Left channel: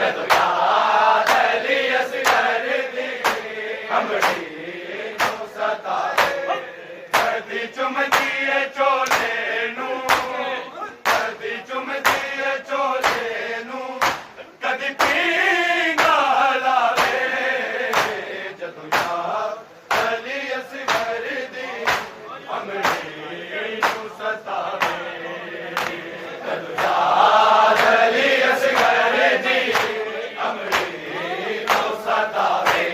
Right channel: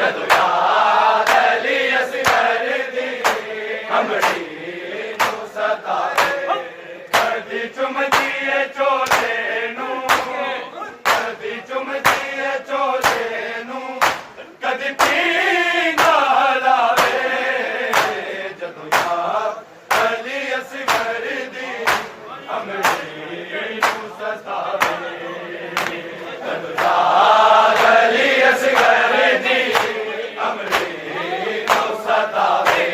जदों याद अली असगर दी अमड़ी नूं सतावे कदी चुमदी है चोले नूं कदी चुमदी है चोले नूं कदी पींगा लावे जदों याद अली असगर दी अमड़ी नूं सतावे जदों याद अली असगर दी अमड़ी नूं सतावे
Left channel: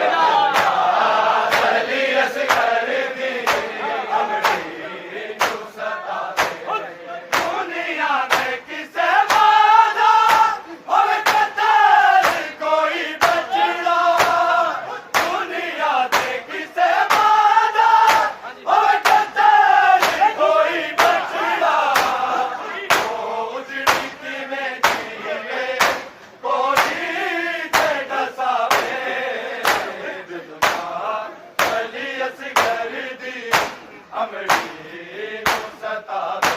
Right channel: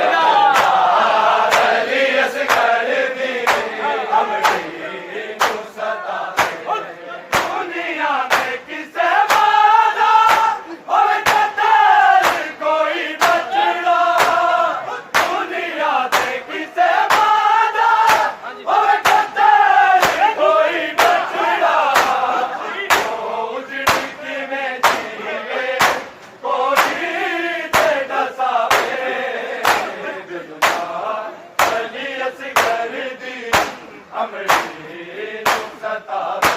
याद अली असगर दी अमड़ी नूं सतावे दुनिया में किसे वादा होवे कतल कोई बचड़ा दुनिया में किसे वादा होवे कतल कोई बचड़ा उजड़ी में जीवे कोई ते दसावे अली असगर दी अमड़ी नूं सतावे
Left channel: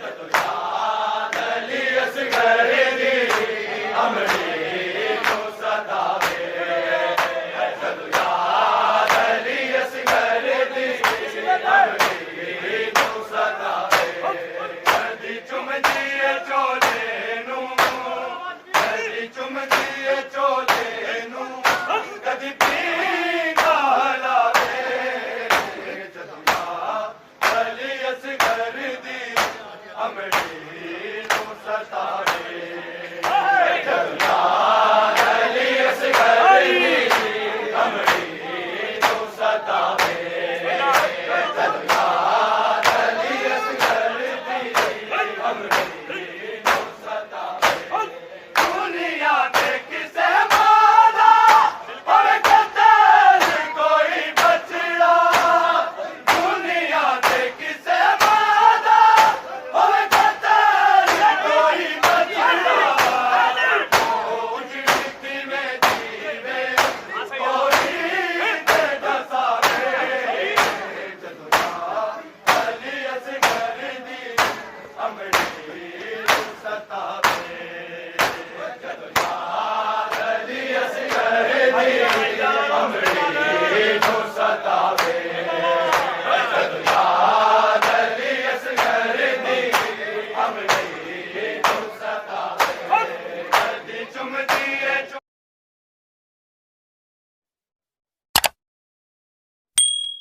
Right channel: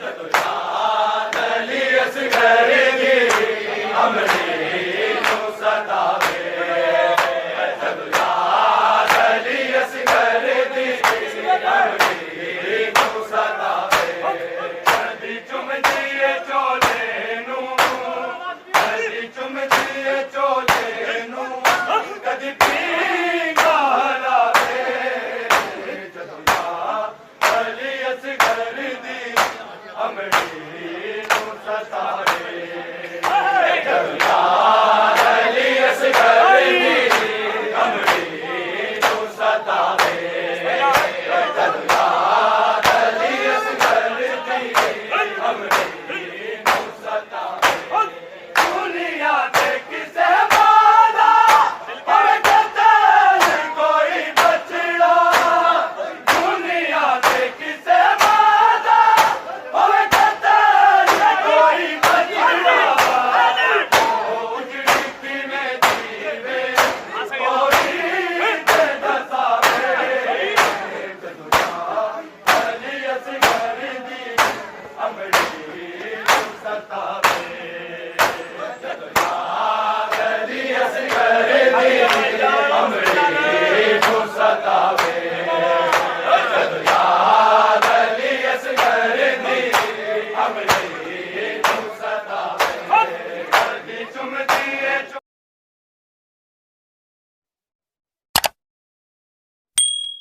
जदों याद अली असगर दी अमड़ी नूं सतावे जदों याद अली असगर दी अमड़ी नूं सतावे कदी चुमदी है चोले नूं कदी चुमदी है चोले नूं कदी पींगा लावे जदों याद अली असगर दी अमड़ी नूं सतावे